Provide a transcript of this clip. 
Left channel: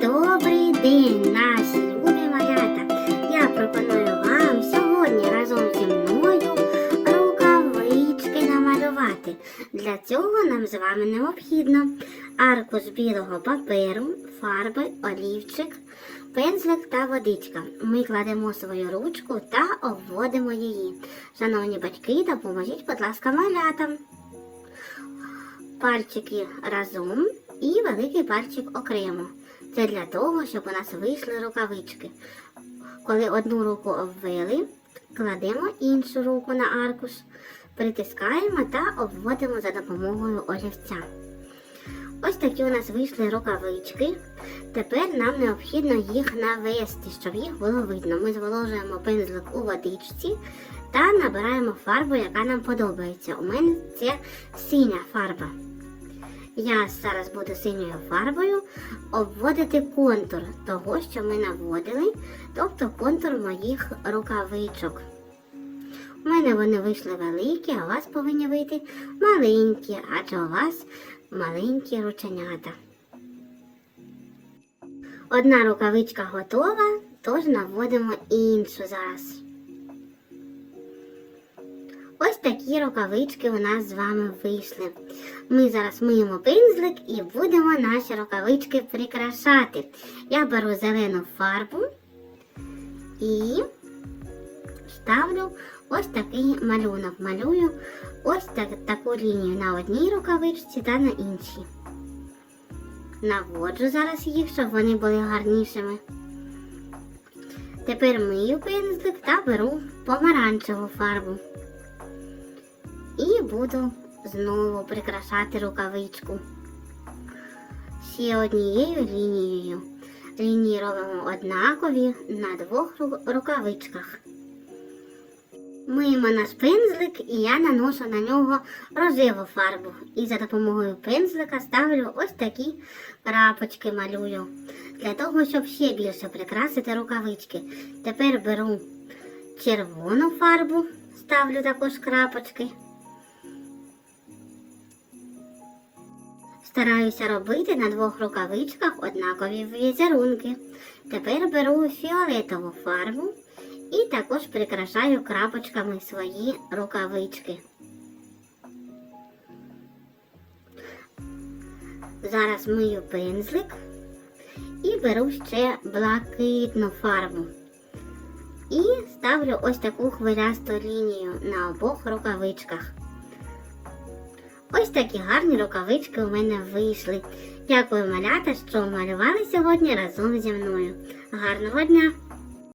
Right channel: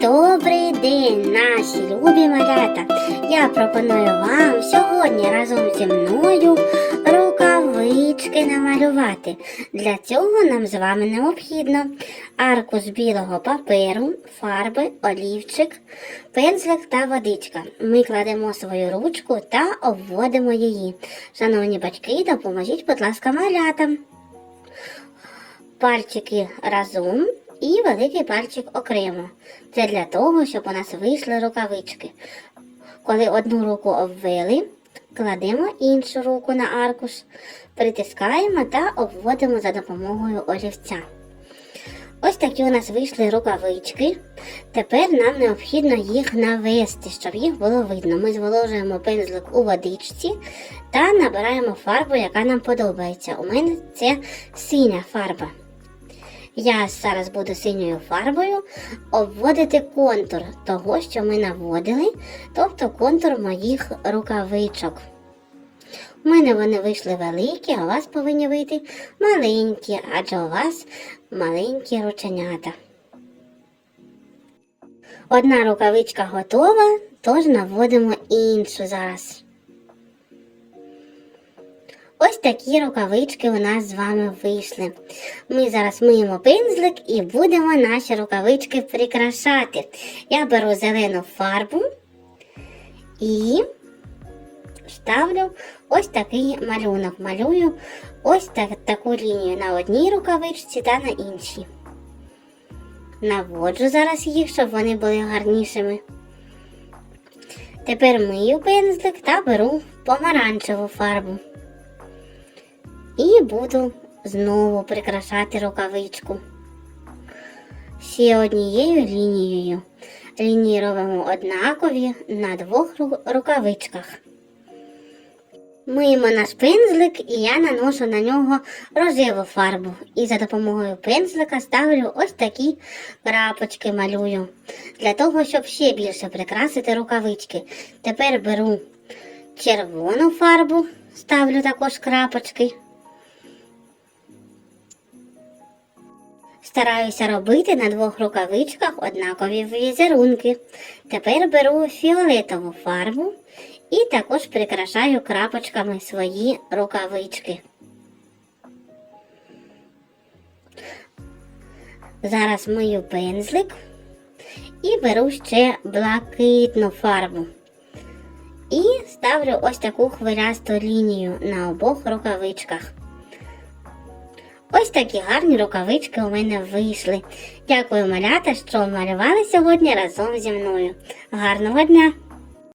Добрий день, наші любі малята! Я пропоную вам сьогодні разом зі мною рукавички намалювати. Для цього нам з вами необхідно аркуш білого паперу, фарби, олівчик, пензлик та водичка. Ми кладемо свою ручку та обводимо її. Шановні батьки, допоможіть, будь ласка, малятам. Пальчики разом і великий пальчик окремо. Це для того, щоб у нас вийшли рукавички. Коли одну руку обвели, кладемо іншу руку на аркуш, притискаємо та обводимо за допомогою олівця. Ось такі у нас вийшли рукавички. Тепер нам необхідно їх навести, щоб їх було видно. Ми зволожуємо пензлик у водичці та набираємо фарбу, яка нам подобається. У мене це синя фарба. Я зараз буду синьою фарбою обводити контур того, що ми наводили, тобто контур моїх рукавичок. У мене вони вийшли великі, а у вас повинні вийти маленькі, адже у вас маленькі рученята. Одна рукавичка готова, тож наводимо іншу зараз. Ось такі рукавички у нас з вами вийшли. Ми зараз миємо пензлик і будемо наші рукавички прикрашати. Я беру зелену фарбу і ставлю ось такий малюнок. Малюю ось так, таку лінію на одній рукавичці та на іншій. Наводжу зараз їх, щоб вони були гарнішими. Тепер мию пензлик та беру помаранчеву фарбу. І буду знову прикрашати рукавичку. Ще однією лінією. Лінії робимо однакові на двох рукавичках. Миємо наш пензлик і я наношу на нього рожеву фарбу. І за допомогою пензлика ставлю ось такі крапочки малюю. Для того, щоб ще більше прикрасити рукавички. Тепер беру червону фарбу, ставлю також крапочки. Стараюся робити на двох рукавичках однакові візерунки. Тепер беру фіолетову фарбу і також прикрашаю крапочками свої рукавички. Зараз мию пензлик і беру ще блакитну фарбу. І ставлю ось таку хвилясту лінію на обох рукавичках. Ось такі гарні рукавички у мене вийшли. Дякую, малята, що малювали сьогодні разом зі мною. Гарного дня!